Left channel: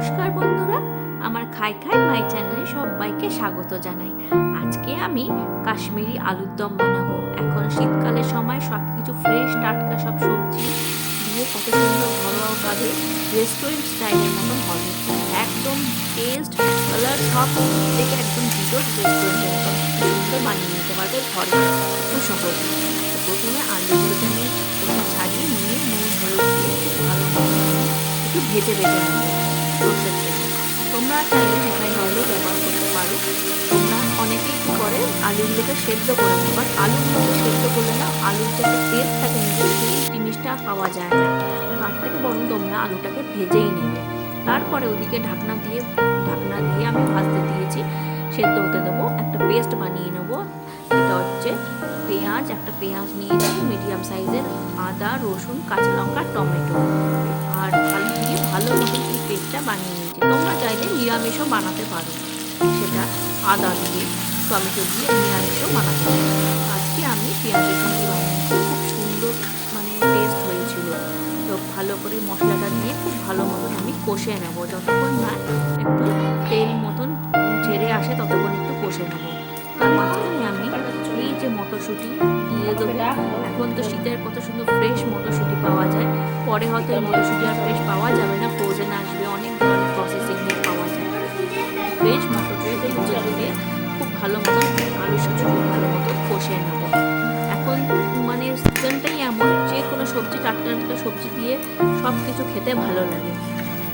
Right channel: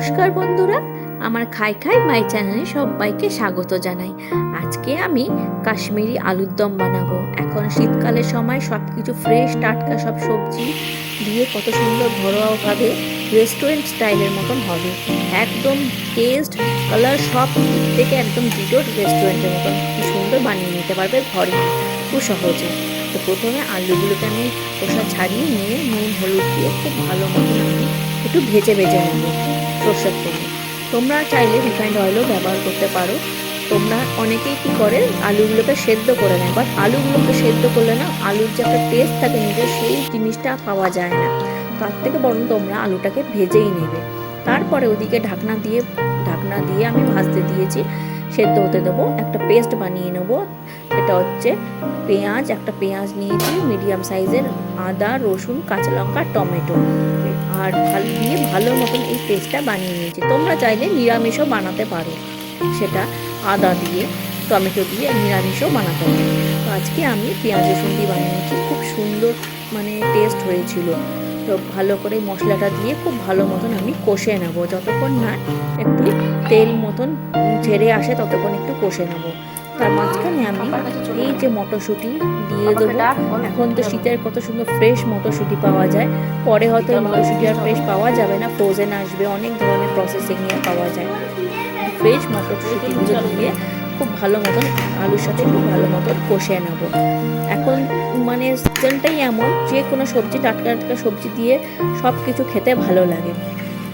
নমস্কার বন্ধুরা, আমার খাই খাই মাই চ্যানেলে সবাইকে স্বাগত জানাই। আজকে আমি কাশ্মীরি আলুর দম বানাবো। এখন শীতকালের সময় সব কিছু ফ্রেশ টাটকা সব সবজি দিয়ে কত সুন্দর ঘরোয়াভাবে রেস্টুরেন্ট স্টাইলের মতন হবে। একদম টেস্ট কালার সব দিক থেকে একদম দুটো রেস্টুরেন্টের মতন কি সুন্দর বানিয়ে নিতে পারবে ঘরে খুব সহজে। তো প্রথমে আলুগুলোকে আমি খোসা ছাড়িয়ে নিয়ে নুন হলুদ দিয়ে খুব ভালো মতন আমি একটু ভেজে নেবো সর্ষের তেলে। তোমরা চাইলে রিফাইন্ড অয়েলও ব্যবহার করতে পারো। তোমরা অনেকেই কী করে আলুগুলোকে সেদ্ধ করে না, বাট আলুগুলোকে সেদ্ধ করলে না আলুর যে একটা টেস্ট থাকে নিজের সেই জিনিসটা পাওয়া যায় না। তার থেকে বরং তোমরা আলুটাকে ভেজেই নেবে। তারপরে ওদিকে ঢাকনা দিয়ে আমি ভাজতে দিয়েছি, সেদ্ধ হতে দেবো। একটা পেস্ট বানিয়ে নেবো। এটা হচ্ছে একটা পেঁয়াজ নিয়েছি মিডিয়াম সাইজের, আদা রসুন কাঁচা লঙ্কা টমেটো আর ভালো মতন এই পেস্টটা বানিয়ে নিয়েছি। তোমরা চাইলে নিরামিষও বানাতে পারো, সেটা আদা দিয়ে টমেটো দিয়ে নিরামিষও বানাতে পারো। তো আজকে আমি পেঁয়াজ রসুন দিয়ে বানিয়েছি, খুব সুন্দর টেস্ট হয়েছিল। তো ভালো করে মশলাটা দিয়ে খুব ভালো মতন আমি কষে নেব, যতক্ষণ না একটু তেল মতন ছেড়ে আসে ততক্ষণ একটু কষে নেব। তার মাঝখানে আমি এই যে মটরশুঁটি দিয়ে দেবো। এখন তো শীতের কত সুন্দর ফ্রেশ মটরশুঁটি পাওয়া যায়, পরে হয়তো এই মটরশুঁটি আর ফ্রেশ পাওয়া যাবে না, ফ্রোজেন আসবে, অনেক ধরনের প্রসেসিং নিয়ে পাওয়া যায়। ফ্রেশ মটরশুঁটিগুলো দিয়ে খুব ভালো মতন আলুর সাথে খুব ভালো মতন কষে নেব। এখন সিজনটাই এমন, যে কোনো সবজি টাটকা টাটকা সবজি দিয়ে সব কিছু খেতে ভালো লাগে।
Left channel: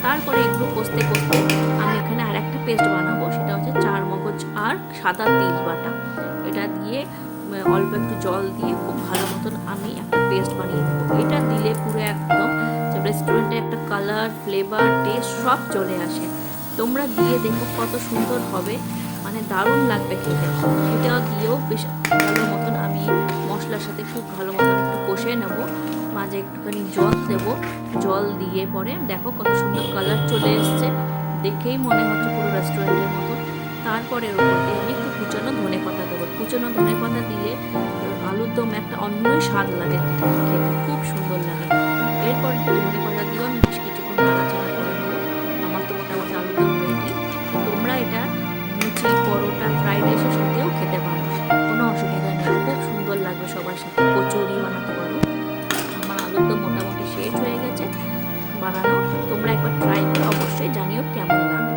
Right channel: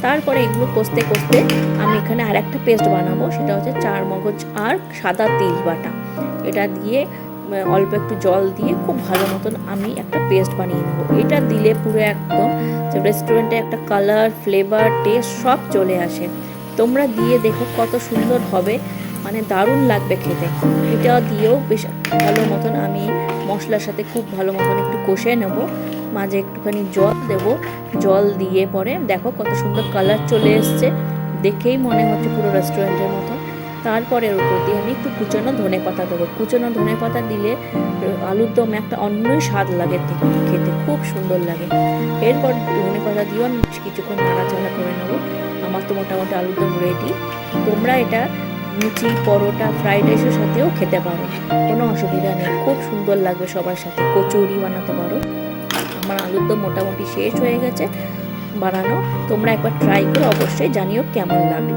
তারপরে এগুলো কষতে কষতে আমি এখানে আর একটা পেস্ট বানাবো, সেটা হচ্ছে চার মগজ আর সাদা তিল বাটা। এটা দিয়ে অল্প একটু জল দিয়ে খুব ভালো মতন আমি একটা পেস্ট বানিয়ে নেবো। এটা দিলে পুরো একদম রেস্টুরেন্টে একটা কালার ফ্লেভার টেস্ট সব চলে আসে। তোমরা দিয়ে দেখো কত সুন্দর হবে, দারুণ লাগবে খেতে। এটা দিয়েও বেশ ভালো মতন আমি মশলার সাথে খুব ভালো মতন একটু কষে নেবো। মাঝে একটুখানি জল দেবো, জল দিয়ে পরে দেখো কত সুন্দর কালার চলে এসছে, দেখেই মনে হচ্ছে পুরো রেস্টুরেন্টের মতো। তারপরে ওর উপর দিয়ে আমি একটু কুচনো ধনেপাতা দেবো। কুচনো ধনেপাতা দিলে আলুর দম একটা অন্যই স্বাদ লাগে, খেতে খুব সুন্দর লাগে। এরপর ধনেপাতা দিয়েও আমি কিছুক্ষণ নাড়াচাড়া করে নেবো। আমার তো মোটামুটি আলুর দম রেডি। তোমরা এটা লুচি পরোটা ফ্রাইড রাইসের সাথেও খেতে পারো, কোনো অসুবিধা নেই, খুব সুন্দর লাগবে সবার সাথে। কচুরি বানাতে পারো। আমার আলুর দম মোটামুটি শেষ হয়ে গেছে বানানো। তোমরা একবার ট্রাই করে অবশ্যই জানিও কেমন লাগলো।